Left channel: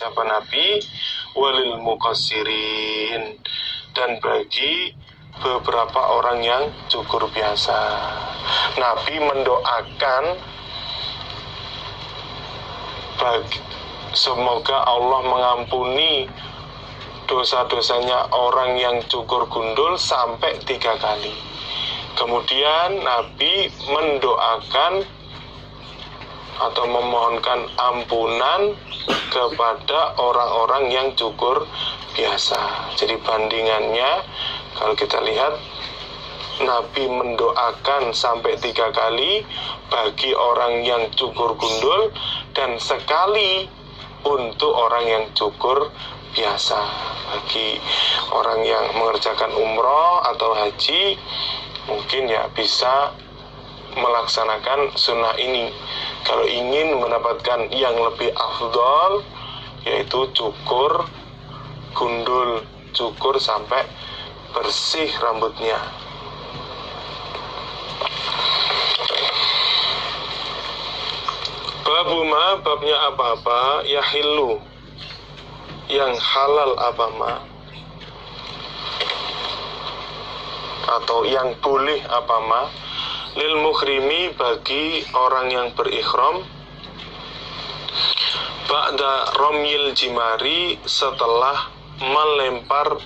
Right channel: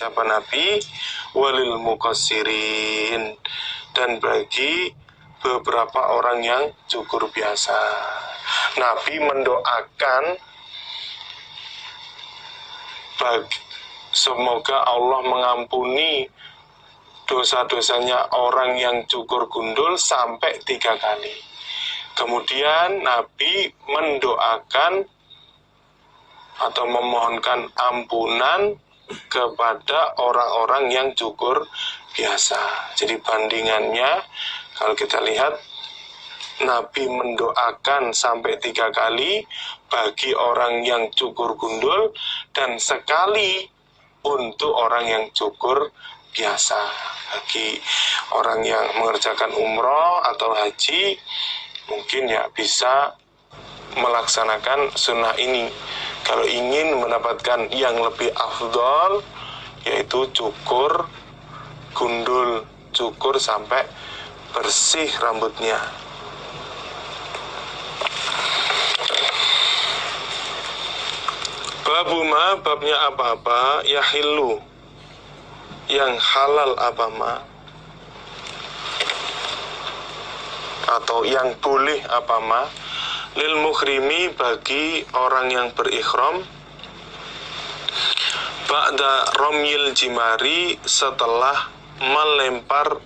siapa Nabi, walil muqassirin, dan bagi beberapa orang yang cukur biasa. Nabi mendoakan semoga Allah mengampuni dosa-dosanya orang yang cukur gundul sampai 3 kali. Kemudian Nabi mendoakan atau memohonkan ampunan kepada orang-orang yang cukur biasa. Jadi bandingannya, kalau kita lihat, Nabi mendoakan sampai 3 kali bagi orang yang cukur gundul dan sekali untuk orang yang cukur biasa. Bagi orang yang mengerjakan umroh atau haji, mungkin ya bisa melaksanakan sunnah ini. Kalau ingin mendapatkan yang lebih afdol, yaitu cukur gundul, cukur sampai bersih rambutnya. Babuma, babnya apa-apa, yahillu, yang halal apa ma, atau yang boleh apa ma, lil muhrimi, bagi orang yang berikhram, ba'da romyil jimari, setelah melempar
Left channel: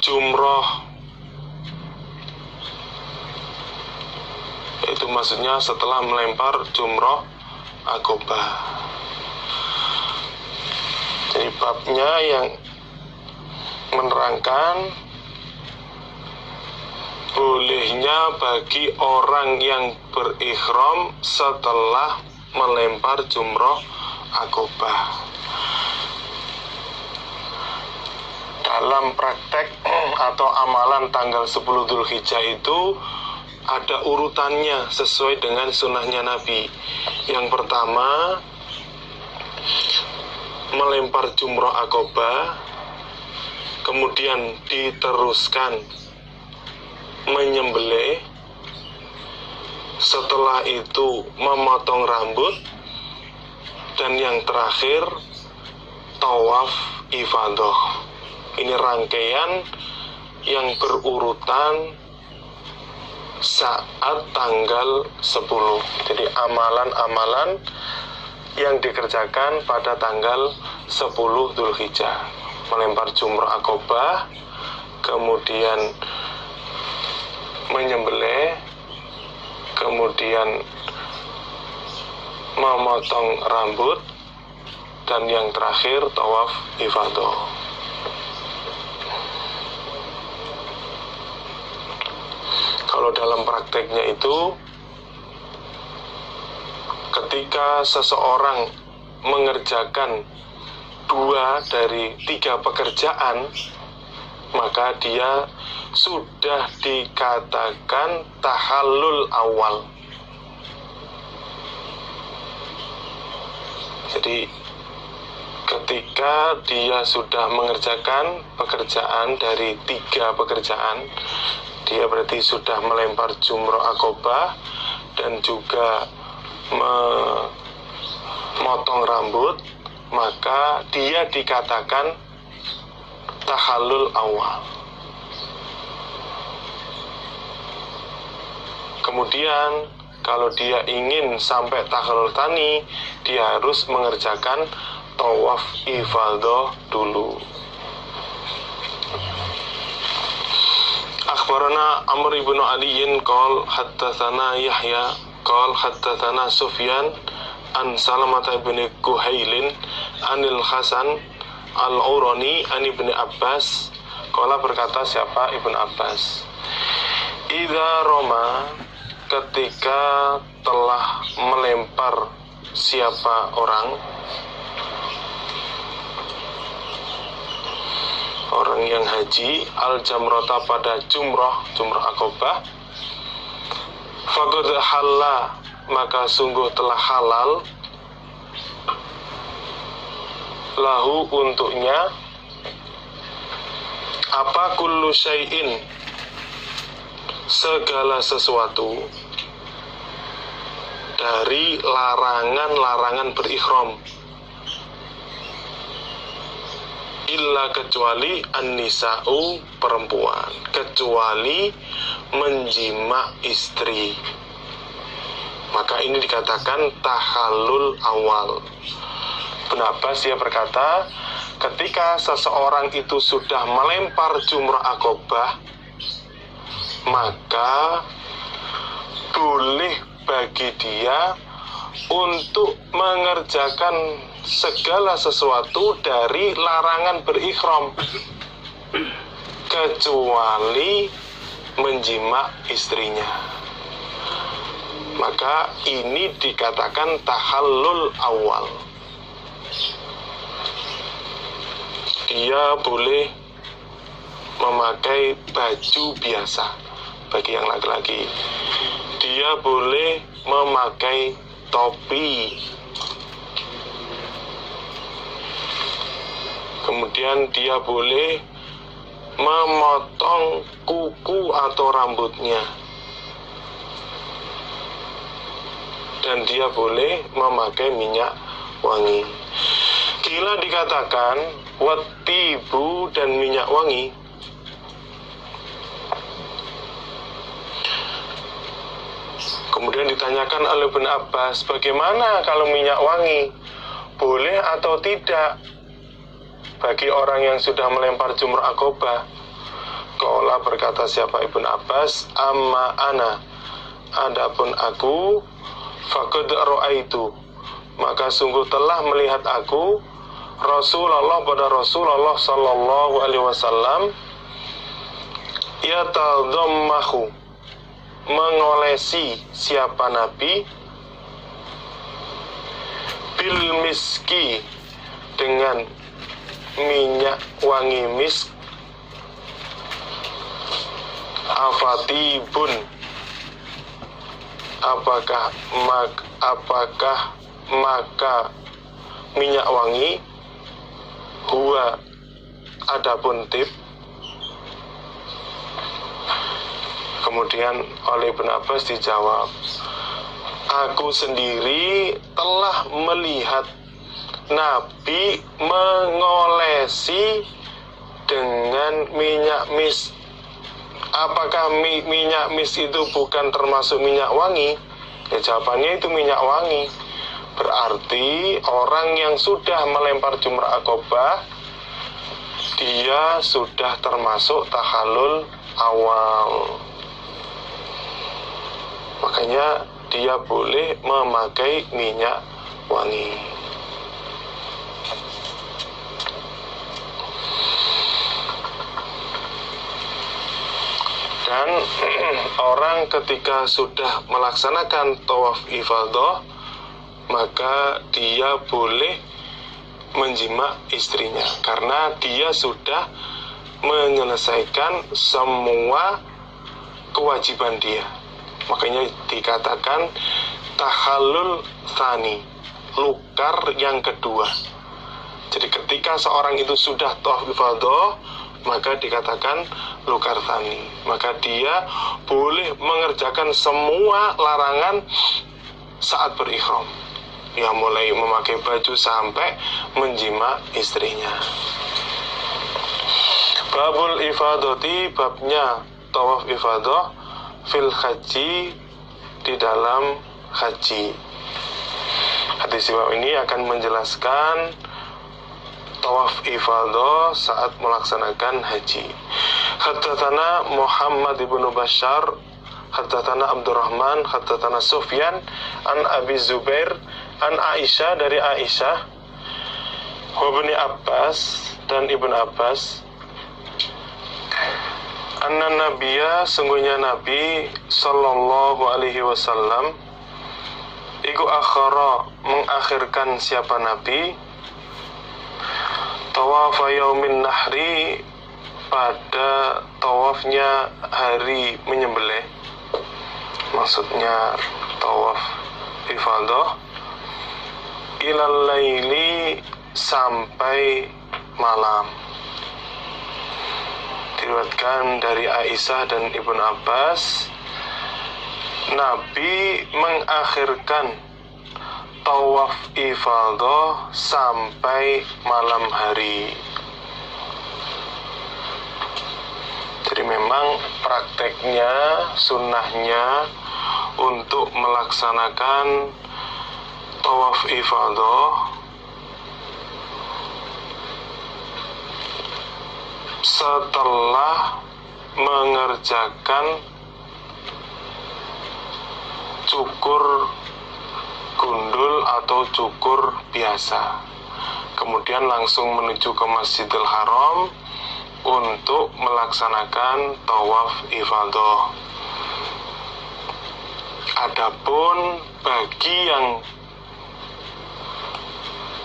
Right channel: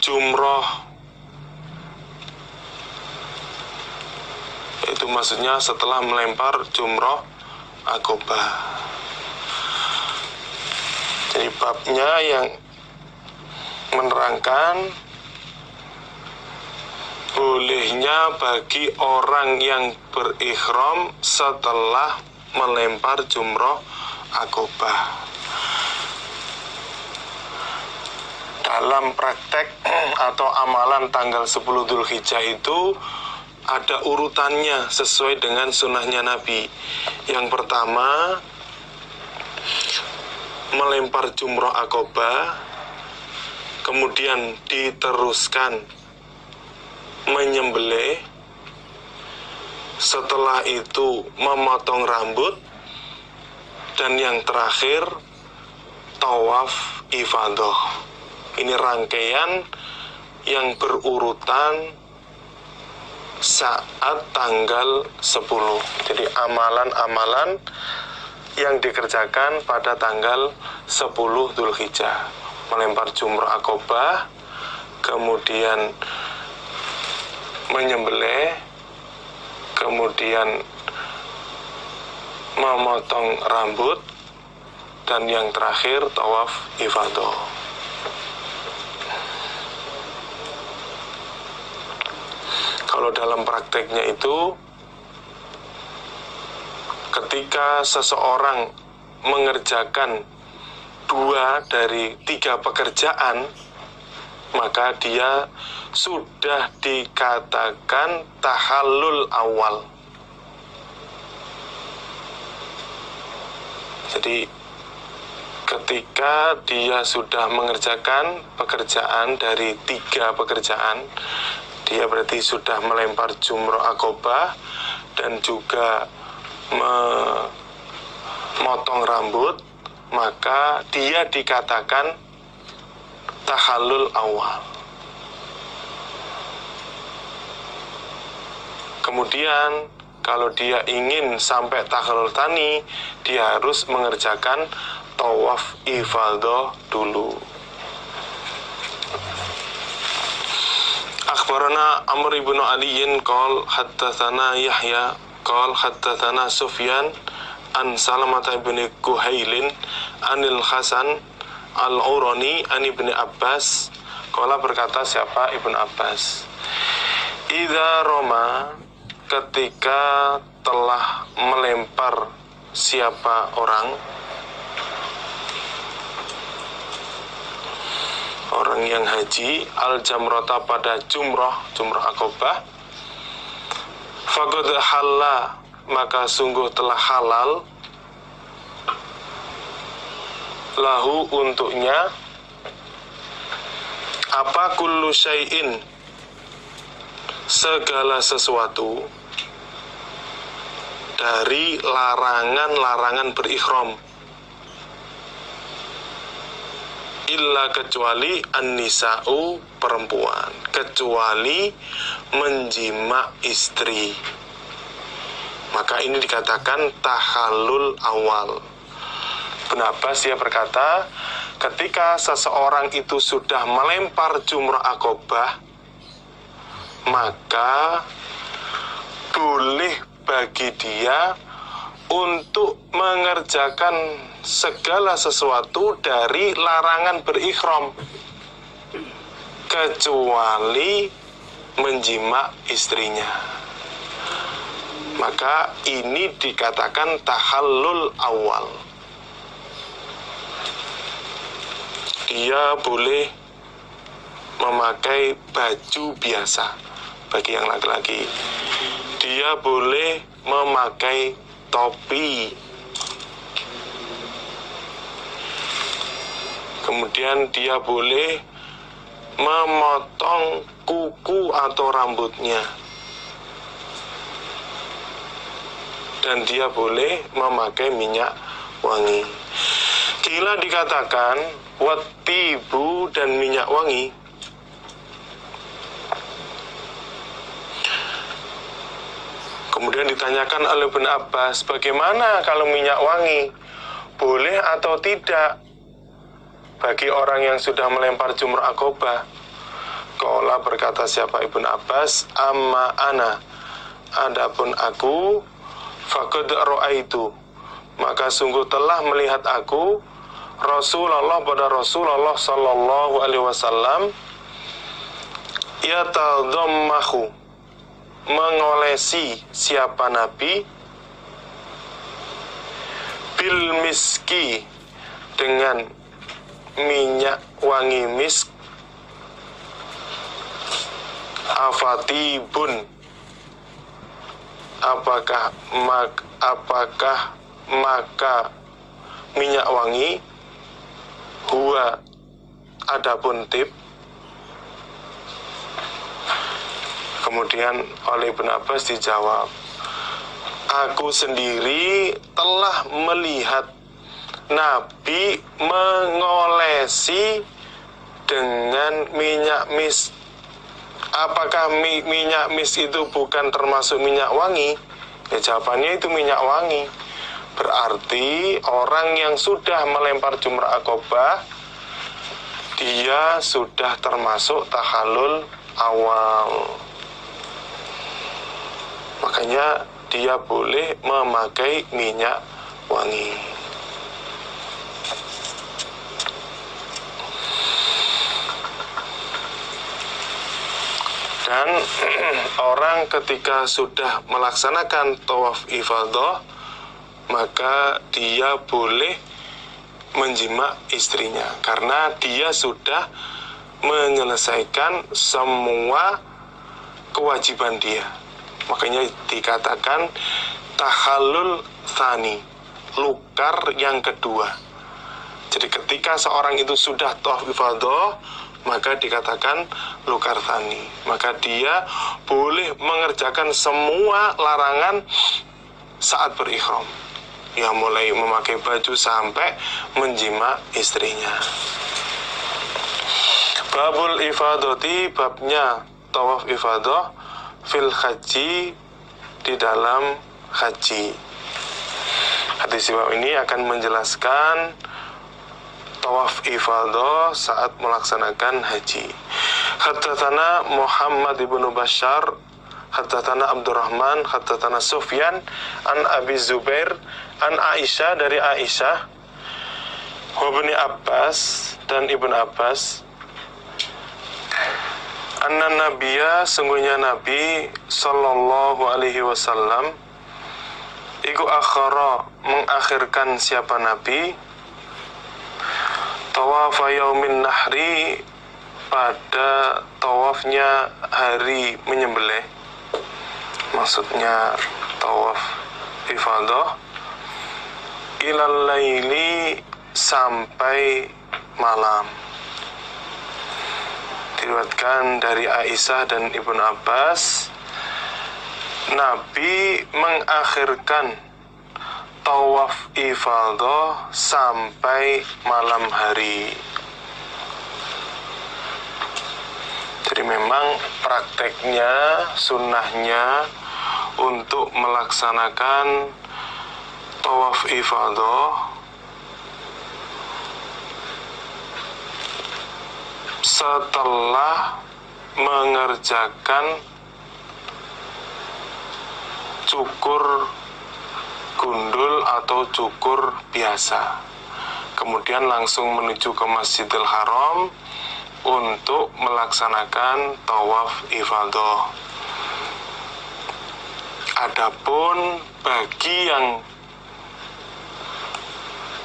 jumroh. Itu maksudnya setelah melempar jumroh akobah. Jadi babnya yang menerangkan bolehnya bagi orang yang berikhram setelah melempar jumroh akobah. Dalam praktek atau amalan tanggal 10 Dzulhijjah itu ada urutannya sesuai dengan sunnahnya Nabi. Yang pertama, melempar jumroh akobah, kemudian diteruskan menyembelih, setelah itu memotong rambut, dan yang terakhir tawaf ifadah. Ini rangkaian yang berurutan saat tanggal 10. Jadi amalan-amalan yang dikerjakan pada tanggal 10 Dzulhijjah. Melempar jumroh akobah, kemudian menyembelih, kemudian memotong rambut, dan yang terakhir tawaf ifadah. Kalau dalam prakteknya itu, ketika seseorang mengerjakan 2 dari 3 pekerjaan, maka dia sudah dikatakan tahallul awal. Jadi ketika dia sudah mengerjakan pekerjaan dari 3 pekerjaan, dia berarti sudah melempar jumroh akobah dan juga memotong rambut, maka dia dikatakan tahallul awal. Kemudian kalau dia ingin sampai tahallul tsani, dia harus mengerjakan tawaf ifadah dulu. Akhbarana Amr ibn Aliin qol haddatsana Yahya qol haddatsana Sufyan an Salamah bin Kuhailin anil Hasan al-Urani an Ibnu Abbas qala, berkata siapa? Ibnu Abbas, idza roma, ketika telah melempar siapa orang yang haji al-jamrota, pada jumroh akobah, faqad halla, maka sungguh telah halal, lahu, untuknya, apa, kullu syai'in, segala sesuatu, dari larangan-larangan berikhram. illa kecuali an-nisa'u perempuan, kecuali menjima istri. Maka ini dikatakan tahallul awal. Ibnu Abbas dia berkata, ketika seseorang itu sudah melempar jumrah Aqobah, maka boleh bagi dia untuk mengerjakan segala sesuatu dari larangan berikhram, kecuali menjima istrinya. Maka ini dikatakan tahallul awal. Dia boleh memakai baju biasa bagi yang laki-laki. Dia boleh memakai topi. Kemudian dia boleh memotong kuku atau rambutnya. Dan dia boleh memakai minyak wangi. Gila dikatakan watibu dan minyak wangi. Kemudian ditanyakan oleh Ibnu Abbas, bagaimana kalau minyak wangi? Boleh atau tidak bagi orang yang sudah melempar jumrah Aqobah? Qala berkata siapa Ibnu Abbas, amma ana, adapun aku, faqad ra'aitu, maka sungguh telah melihat aku Rasulullah pada Rasulullah sallallahu alaihi wasallam yatadammahu, mengolesi siapa Nabi bil miski, dengan minyak wangi misk, afatibun, apakah maka minyak wangi, huwa adapun tib. Kemudian oleh Ibnu Abbas dijawab, aku sendiri telah melihat Nabi mengolesi dengan minyak mis. Apakah minyak mis itu bukan termasuk minyak wangi? Ya, jawabannya itu minyak wangi. Berarti orang yang sudah melempar jumrah Aqobah, dia sudah termasuk tahallul awal. Makanya dia boleh memakai minyak wangi. Dan orang ketika sudah melaksanakan tawaf ifadah, maka dia boleh menjima istrinya, karena dia sudah menyelesaikan semua kewajiban dia. Makanya dikatakan tahallul tsani, lukar yang kedua. Jadi ketika seorang itu sudah tawaf ifadah, maka dikatakan lukar tsani, maka dia boleh mengerjakan semua larangan saat berikhram. Ya, mulai memakai baju sampai menjima istrinya. Babul ifadati, babnya tawaf ifadah fil haji, di dalam haji. Hadis bab ini akan menjelaskan tawaf ifadah saat melaksanakan haji. Haddatsana Muhammad ibnu Bashar, haddatsana Abdurrahman, haddatsana Sufyan an Abi Zubair an Aisyah, dari Aisyah, wa Ibnu Abbas, dan Ibnu Abbas, anna nabiyya, sungguhnya Nabi sallallahu alaihi wasallam, iku akhara, mengakhirkan siapa Nabi, tawaf yaumin nahri, pada tawafnya hari menyembelih. Maksudnya tawaf ifadah, ilal laili, sampai malam. Diriwayatkan dari Aisyah dan Ibnu Abbas, Nabi mengakhirkan tawaf ifadah sampai malam hari. Jadi memang prakteknya, sunnahnya untuk melaksanakan tawaf ifadah setelah mengerjakan cukur gundul atau cukur biasa, kemudian langsung menuju ke Masjidil Haram untuk melaksanakan tawaf ifadah. Adapun bagi yang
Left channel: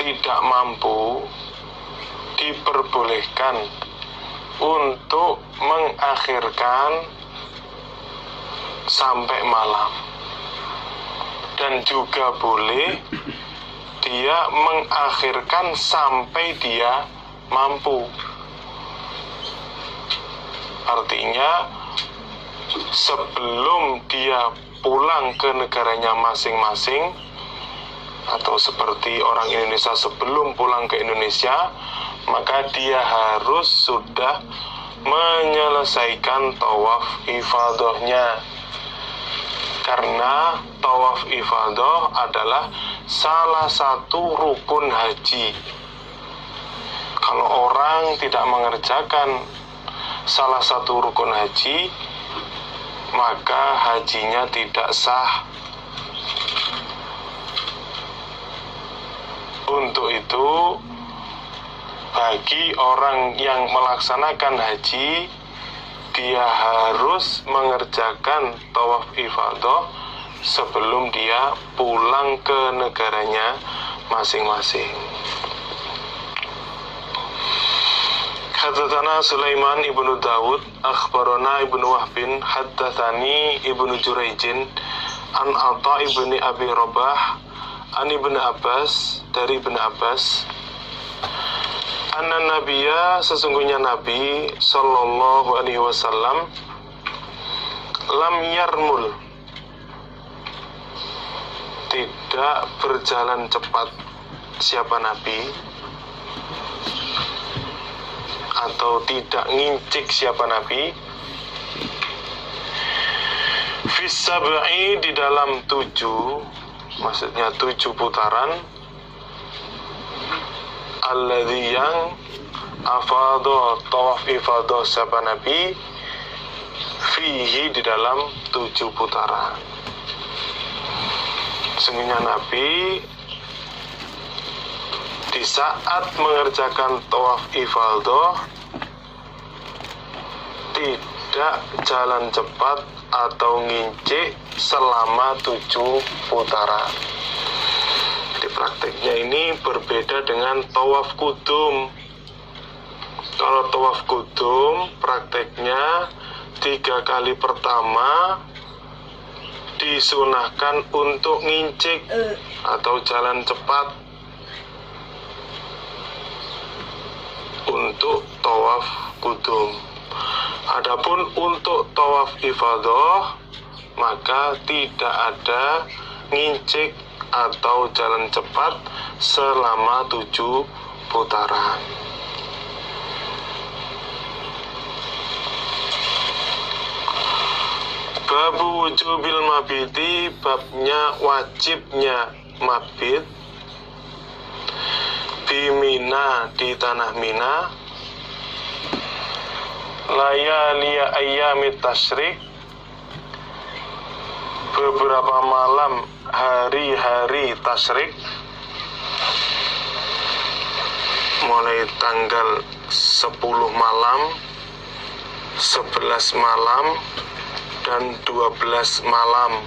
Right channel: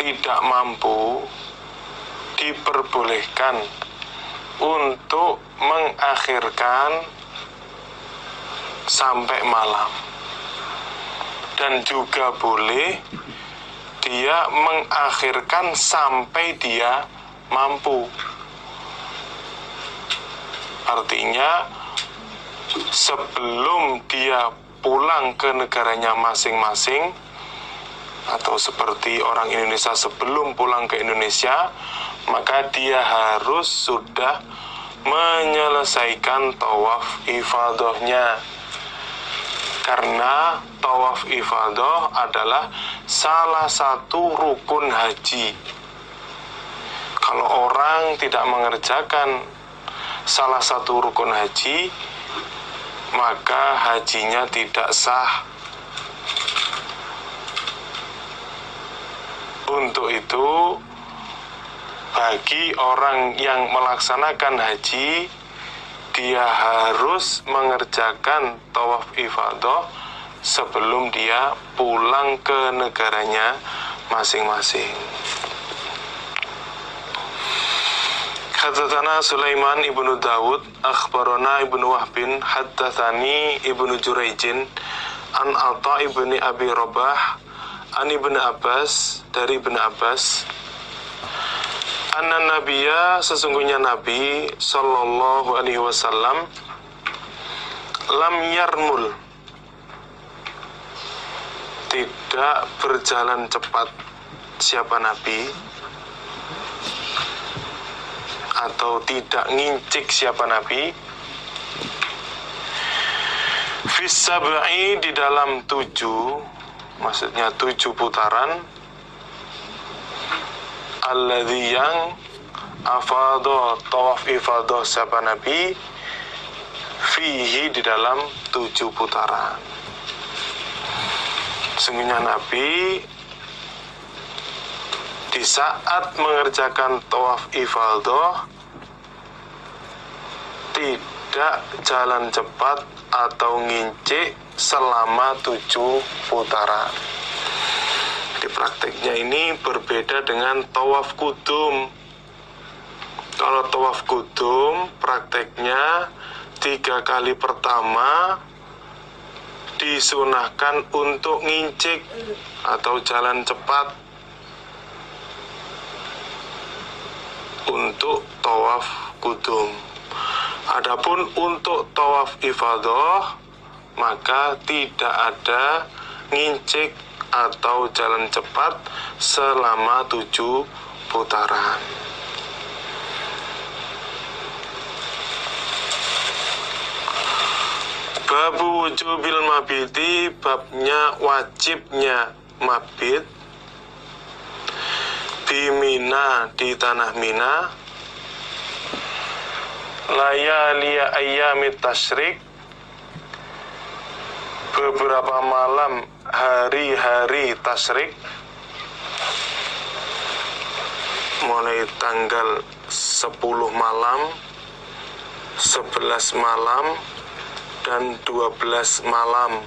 tidak mampu, diperbolehkan untuk mengakhirkan sampai malam, dan juga boleh dia mengakhirkan sampai dia mampu. Artinya sebelum dia pulang ke negaranya masing-masing, atau seperti orang Indonesia sebelum pulang ke Indonesia, maka dia harus sudah menyelesaikan tawaf ifadahnya. Karena tawaf ifadah adalah salah satu rukun haji. Kalau orang tidak mengerjakan salah satu rukun haji, maka hajinya tidak sah. Untuk itu, bagi orang yang melaksanakan haji, dia harus mengerjakan tawaf ifadah sebelum dia pulang ke negaranya masing-masing. Haddatsana Sulaiman ibnu Dawud, akhbarana ibnu Wahbin, haddatsani ibnu Jurayjin, an Atha ibni Abi Rabah, an ibnu Abbas, dari ibnu Abbas, anna Nabiya, sesungguhnya Nabi sallallahu alaihi wasallam, lam yarmul, tidak berjalan cepat. Siapa Nabi? Atau tidak ngincik siapa Nabi? Fis sab'i, di dalam 7, maksudnya 7 putaran. Alladzi, yang afadha, tawaf ifadah siapa Nabi, fihi, di dalam 7 putaran. Sesungguhnya Nabi di saat mengerjakan tawaf ifadah tidak jalan cepat atau ngincik selama 7 putaran. Di prakteknya ini berbeda dengan tawaf kudum. Kalau tawaf kudum prakteknya 3 kali pertama disunahkan untuk ngincik atau jalan cepat. Untuk tawaf kudum. Adapun untuk tawaf ifadah, maka tidak ada ngincik atau jalan cepat selama 7 putaran. Babu wujubil mabiti, babnya wajibnya mabit di Mina, di tanah Mina, layaliya ayyamit tasyrik, beberapa malam hari-hari tasyrik, mulai tanggal 10 malam, 11 malam, dan 12 malam